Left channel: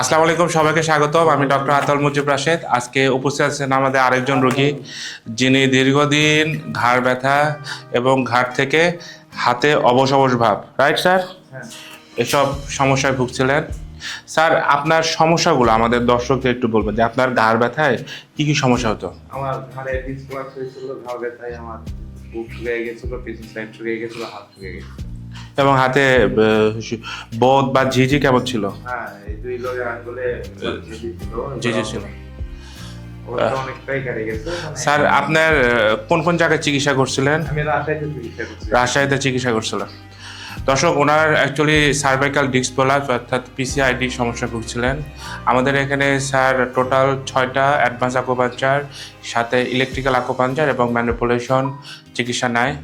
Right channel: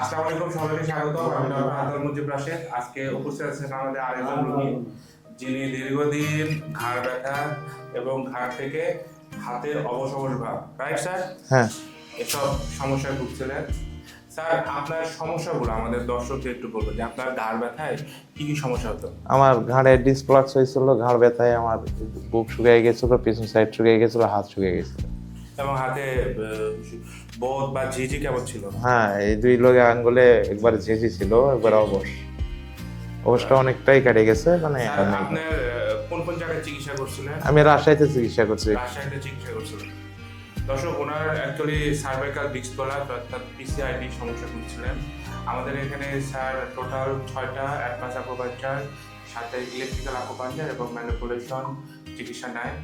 আসসালামু আলাইকুম, সবাইকে স্বাগতম। আমি ডক্টর আতাল মুজিব রাশেদ। আজকে উপস্থিত আছেন আমাদের আরেকজন রোগী, যিনি দীর্ঘদিন ঘাড় ব্যথা এবং ঘাড় থেকে হাতে অবশ অবশ ভাব, রাইট স্যার, হ্যাঁ, এসব সমস্যায় ভুগছিলেন। স্যার, আপনার সমস্যাগুলো আমাদের দর্শকদের একটু বলবেন যে আপনার ঘাড় ব্যথায় কি কি সমস্যা হতো? আমার ঘাড়ে ডিসপ্লাক্স হয়েছিল, ঘাড় ব্যথায় আমার বুক শুকিয়ে গেছিল, পিছন সাইড শুকিয়ে গেছিল, হাত শুকিয়ে গেছিল। এবং হাতে বোধ বা ঝিঝি কেমন ছিল? হ্যাঁ, এই দুই লগে আঙ্গুলে একবার ঝেঁঝি ছিল, ঝিঝি ছিল। অবস্থা অনেকটাই কেটে গেছে। স্যার, আপনার কোন কোন জায়গায় চিকিৎসা করছিলেন? আমি রাজশাহীতে চিকিৎসা করছি। রাজশাহীতে চিকিৎসা করছিলেন। দর্শক, ওনার অ্যাকচুয়ালি সার্ভাইকাল ডিস্ক প্রলাপস অর্থাৎ পিসিআইডি সমস্যা ভুগছিলেন। আমাদের এখানে স্যার টোটাল 6টা অ্যাডভান্স আকুপাঞ্চার, সাথে ইলেকট্রিক্যাল আকুপাঞ্চার এবং ম্যানিপুলেশন চিকিৎসা নেয়।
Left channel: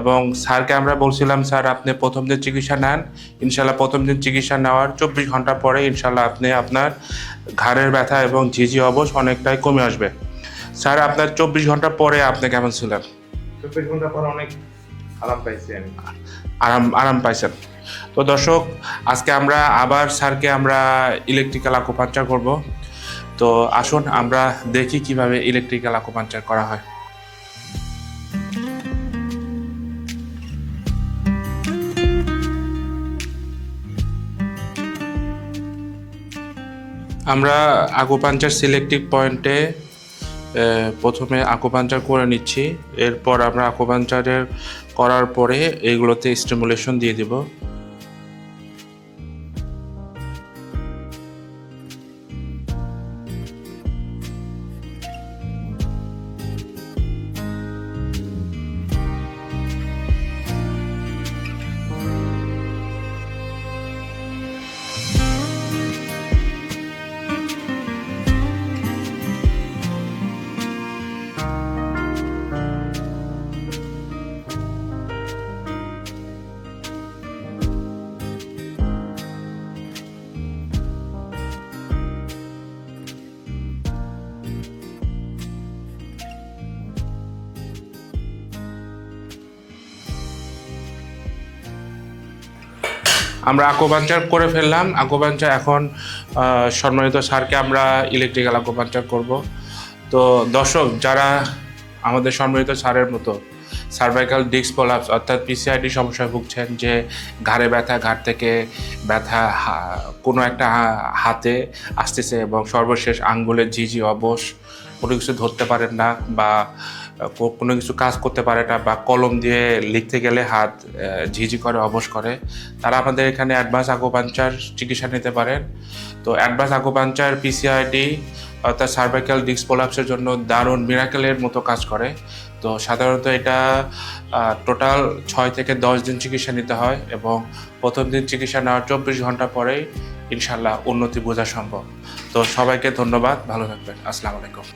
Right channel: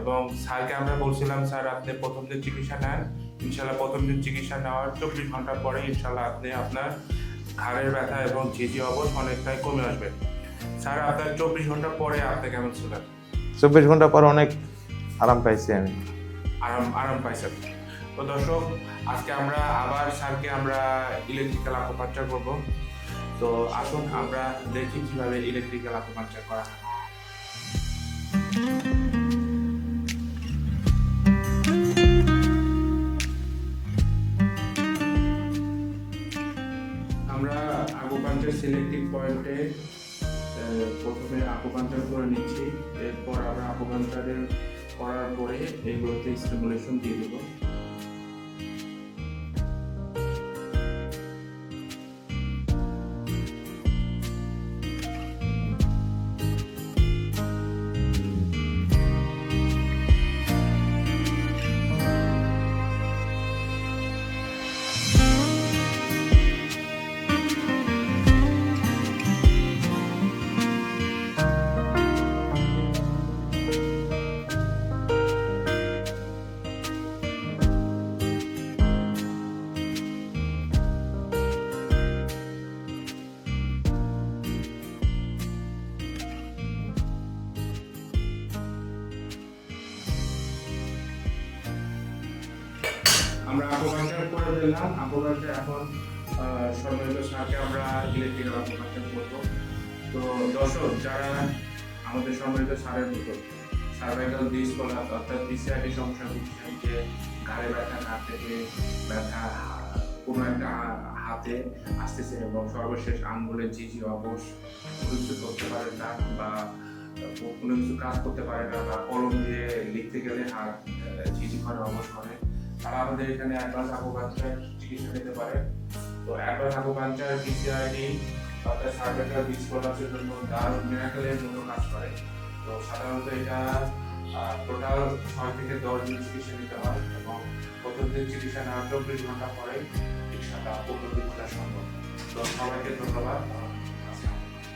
এবং স্যারকে আমরা বলছিলাম, স্যার আপনি প্রথম দিন চিকিৎসা নেন, ইনশাল্লাহ প্রথম দিন চিকিৎসা নেওয়ার 24 ঘন্টা পরে ইনশাল্লাহ আপনি আপনার ঘাড়ের ব্যথা এবং ঝিঝি অবশ অনেকটাই কমে আসবে। স্যার, আপনার 24 ঘন্টা পরে আপনি কেমন ছিলেন? 24 ঘন্টা পর অনেক আরাম পাইছি আমি। আরাম পাইছেন। তো দর্শক, আজকে আমরা আবার স্যারকে আমরা ইলেকট্রিক্যাল আকুপাঞ্চার করব। তো আসুন আমরা দেখি কিভাবে ইলেকট্রিক্যাল আকুপাঞ্চার করা হয়। আমরা আকুপাঞ্চার সিলেক্টিভ পয়েন্টে প্রথমে আকুপাঞ্চার করে নিচ্ছি। এরপর আমরা আকুপাঞ্চারের করার পরে এইগুলোতে স্টিমুলেশন দিয়ে দেব। আমরা আকুপাঞ্চার করে ফেললাম। আকুপাঞ্চার এখন সম্মানিত স্যারকে আমরা ইলেকট্রিক্যাল আকুপাঞ্চার করব। তো দর্শক, যারা আমাদের সম্মানিত স্যারের মতো সার্ভাইকাল ডিস্ক প্রলাপস অর্থাৎ পিসিআইডি সমস্যায় ভুগছেন, যে ঘাড়ে ব্যথা, ঘাড় থেকে ব্যথা কোনো একটা হাতে আসতেছে এবং সর্বশেষ আঙ্গুলের ঝিঝি অবশ, কোনো কিছু ধরতে পারেন না বা কোনো কিছু কাজ করতে পারে না, বা কলম দিয়ে লিখতে গেলে হাত ঝিঝি করে, অবশ করে, তারা আমাদের এখানে অ্যাডভান্স আকুপাঞ্চার চিকিৎসা নিতে পারেন। তো অ্যাডভান্স আকুপাঞ্চার পিসিআইডি অর্থাৎ সার্ভাইকাল ডিস্ক প্রলাপসের জন্য দারুণ মিরাকেলের মতো কাজ করে। তো সাধারণত এটা টোটাল 6 থেকে 10 দিন চিকিৎসা নিতে হয় এবং প্রথম দিন চিকিৎসা নেওয়ার 24 ঘন্টা পরেই ইনশাল্লাহ উন্নতি বোঝা সম্ভব। তো সবাইকে ধন্যবাদ, ভালো থাকবেন, আসসালামু আলাইকুম।